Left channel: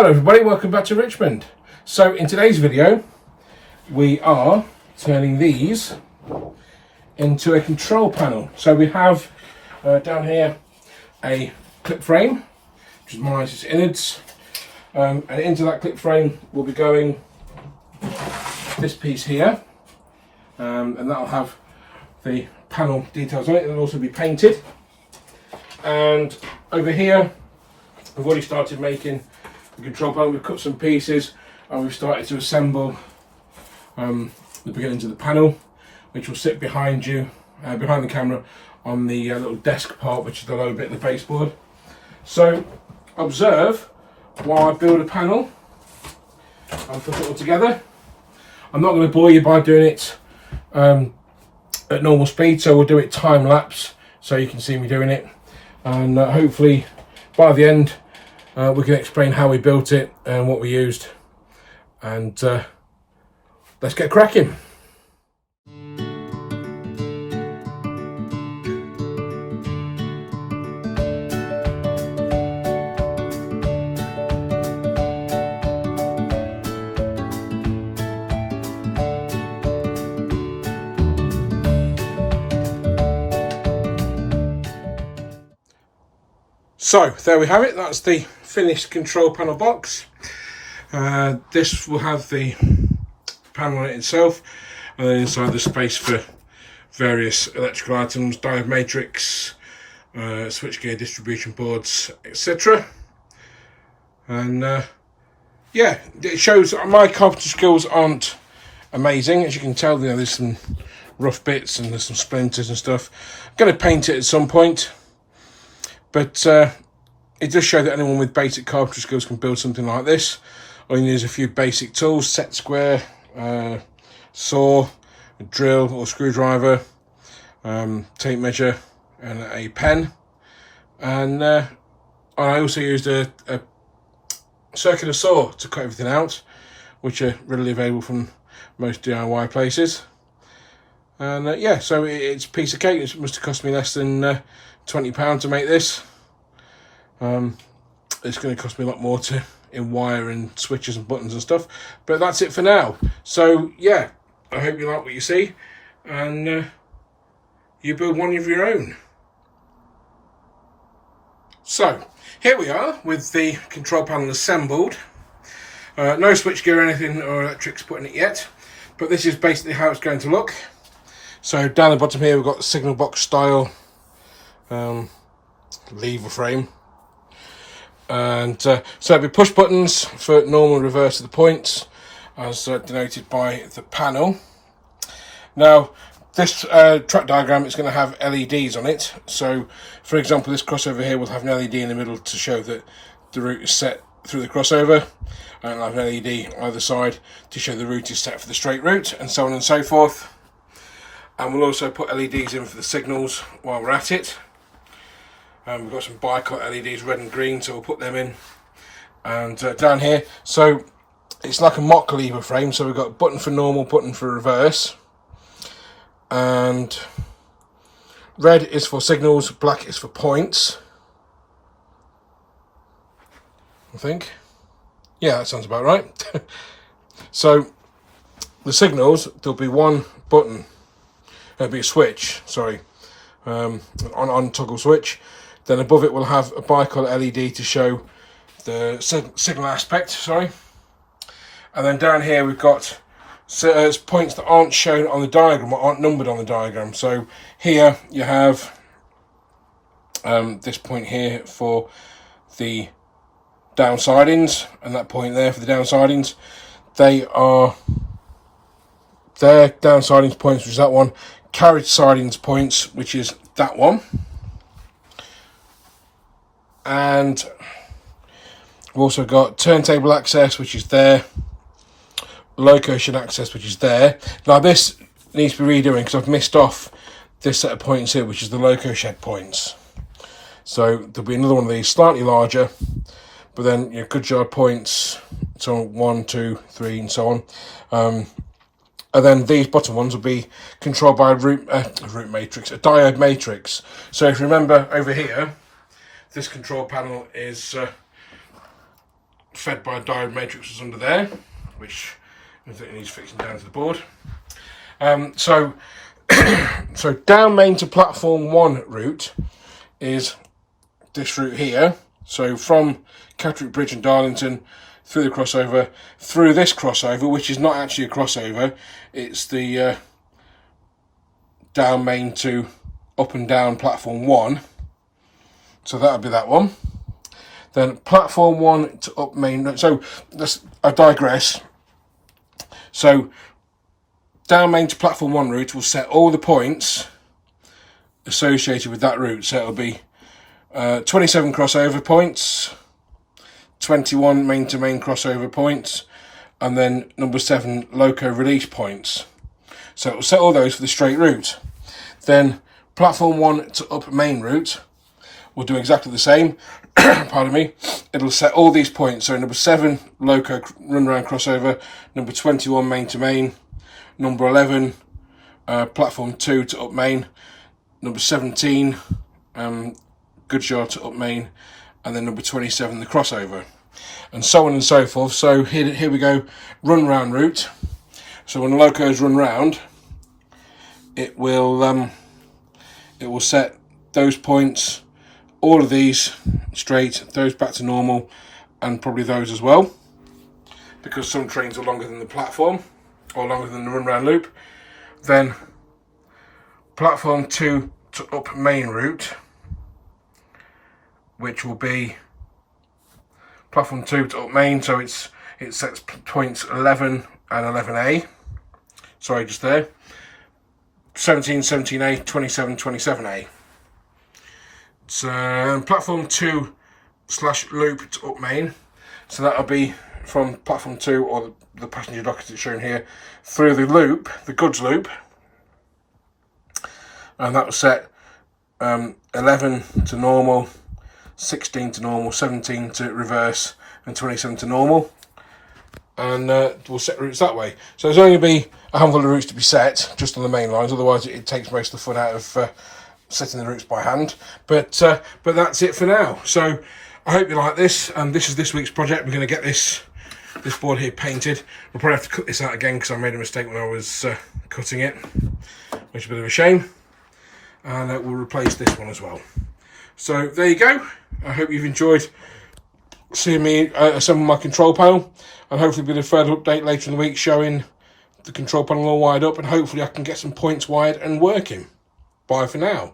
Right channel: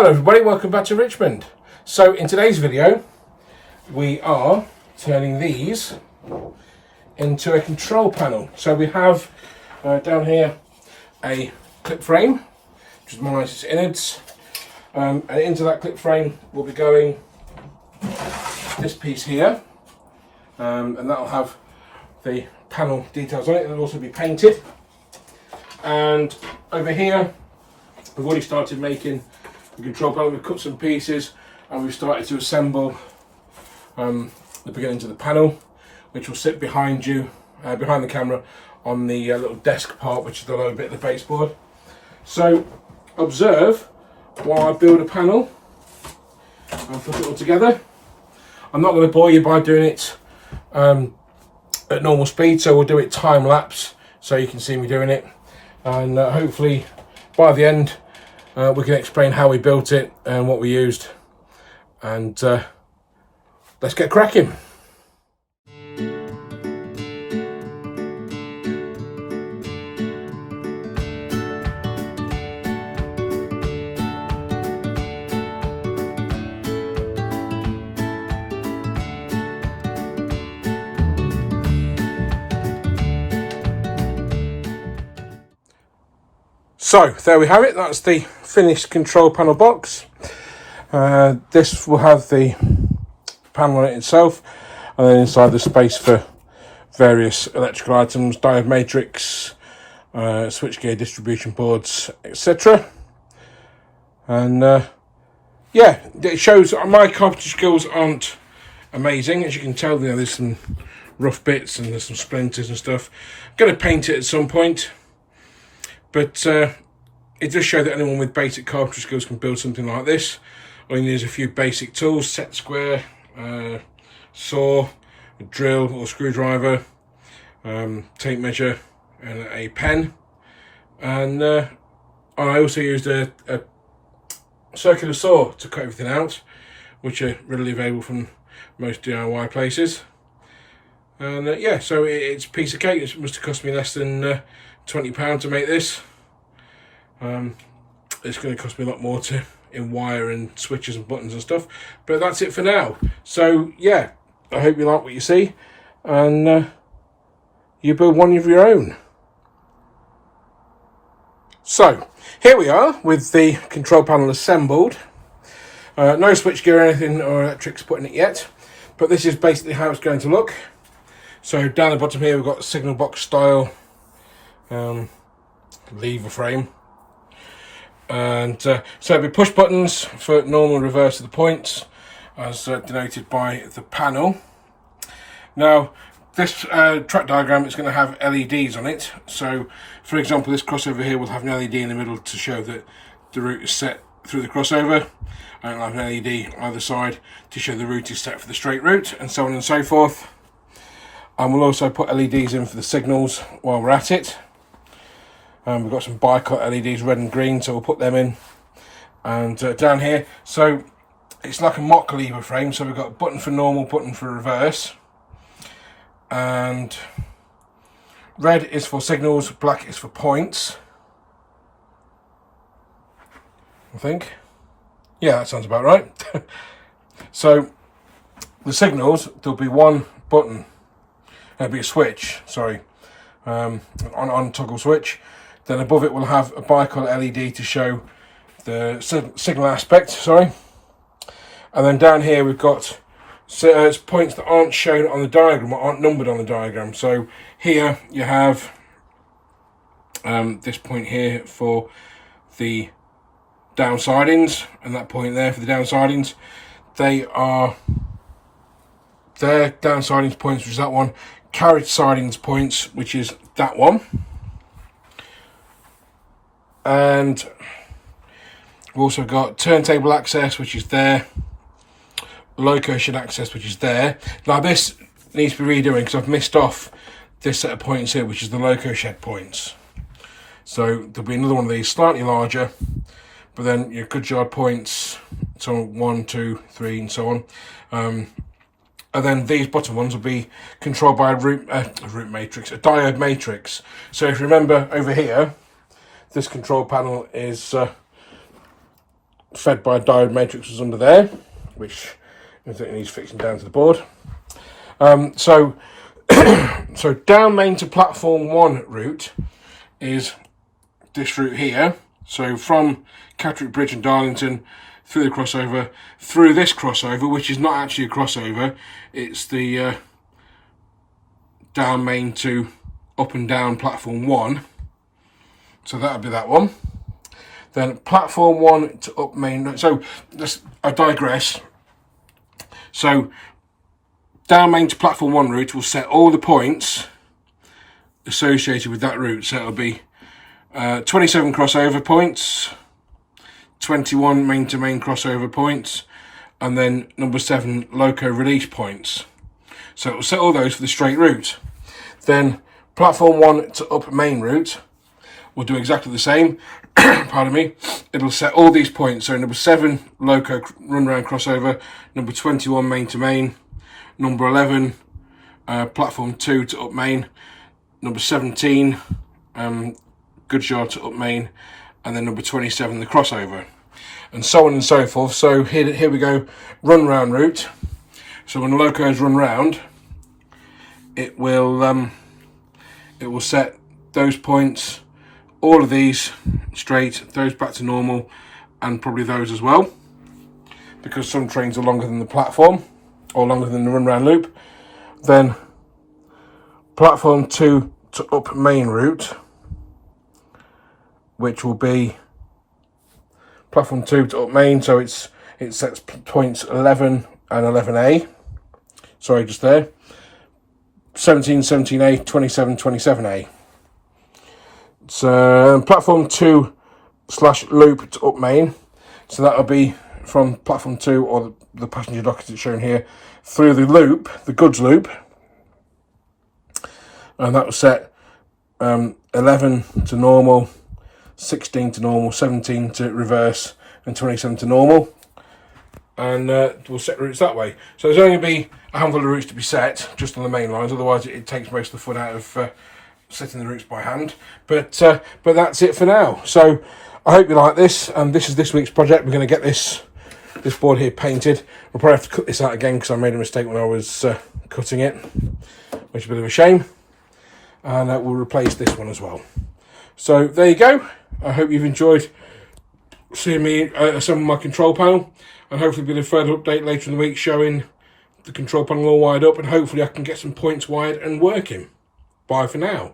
Hello everybody, welcome back to Richmond. So in today's video we are turning these into a control panel. So we have down here a clip frame which is minus its innards, and into that clip frame will be going this piece here, and that'll have the panel details on it. It'll also be painted, and over here we've already started making the control panel. We've cut some pieces and we've started to assemble the beginnings of the panel, which will sit behind you, behind the camera, on the little desk part, which is the lower bit of the baseboard. So observe while I build a panel and put it all together. I'm not going to bore you by doing it at normal speed, so we'll do it time lapse so you can see me doing it, and hopefully by the end we can explain how we built it and what we used, and let's get cracking. So there we have it, that's the finished control panel box. This will have the panel on it itself, and then inside the space for various electrical items, diode matrix, switchgear distribution boards, etc. And yeah, it shows my carpentry skills aren't amazing. As you can tell, there's some rough bits and there's some splinters and stuff. I'm going to paint it at some point, but it does show that anyone with basic carpentry skills can build something like this. All you need is a few basic tools: set square, saw, a drill or screwdriver, tape measure and a pen. And I also used a circular saw to cut everything out, which are readily available from most DIY places. And yeah, so it's a piece of cake. It must have cost me less than £20 to make this. It's going to cost me a lot more in wire and switches and buttons and stuff, but that's it for now. So yeah, I hope you like what you see, and you build one of your own. So here we are with the control panel assembled. No switchgear or anything or electrics put in it yet, but this is basically how it's going to look. So down the bottom here we've got a signal box style lever frame, and so it'll be push buttons for normal and reverse of the points, as denoted by the panel. Now this track diagram is going to have LEDs on it. So for example, this crossover here will have an LED in the middle to show that the route is set through the crossover, and it'll have an LED either side to show the route is set for the straight route, and so on and so forth. And we'll also put LEDs in for the signals while we're at it. We've got some bicut LEDs, red and green, so we'll put them in. And down here, so it's like a mock lever frame, so we've got a button for normal, button for reverse. And red is for signals, black is for points, I think. Yeah, that sounds about right. So the signals, there'll be one button, there'll be a switch, sorry, on toggle switch. Then above it we'll have a bicolor LED to show the signal aspect, sorry. And then down here we've got points that aren't shown on the diagram, or aren't numbered on the diagram. So here you have this point here for the down sidings, and that point there for the down sidings. They are their down sidings points, which is that one. Carriage sidings points, which is that one. And we've also got turntable access, which is there. Loco shed access, which is there. Now this needs to be redoing because I've missed off this set of points here, which is the loco shed points. So there'll be another one of these slightly larger, but then your good yard points, so 1, 2, 3 and so on. And then these bottom ones will be controlled by a root matrix, a diode matrix. So if you remember over here, this control panel is fed by diode matrices under there, which needs fixing down to the board. So down main to platform 1 route is this route here. So from Catterick Bridge and Darlington through the crossover, through this crossover, which is not actually a crossover, it's the down main to up and down platform 1. So that would be that one. Then platform 1 to up main. So I digress. So down main to platform 1 route will set all the points associated with that route. So it'll be 27 crossover points, 21 main to main crossover points, and then number 7 loco release points. So it will set all those for the straight route. Then platform 1 to up main route will do exactly the same. Pardon me. It'll set all these points. So number 7 loco run round crossover, number 21 main to main, number 11 platform 2 to up main, number 17 good shot to up main, and then number 27 the crossover, and so on and so forth. So here we go, run round route. So when the locos run round, it will set those points, all of these straight, those back to normal, and probably those as well, because some trains are longer than the platform or longer than the run round loop. Then platform 2 to up main route, which will be platform 2 to up main, so it sets points 11 and 11A. Sorry, just there. 17, 17A, 27, 27A. So platform 2 / loop to up main. So that'll be from platform 2, or the passenger dock as it's shown here, through the loop, the goods loop. And that will set 11 to normal, 16 to normal, 17 to reverse, and 27 to normal. And we'll set routes that way. So there's only going to be a handful of routes to be set just on the main lines, otherwise it takes most of the fun out of setting the routes by hand. But that's it for now. So I hope you like this, and this is this week's project. We're going to get this board here painted. We'll probably have to cut this out again because I made a mistake when I was cutting it, which is a bit of a shame. And we'll replace this one as well. So there you go. I hope you've enjoyed seeing me assemble my control panel, and hopefully we'll get a further update later in the week showing the control panel all wired up, and hopefully I can get some points wired and working. Bye for now.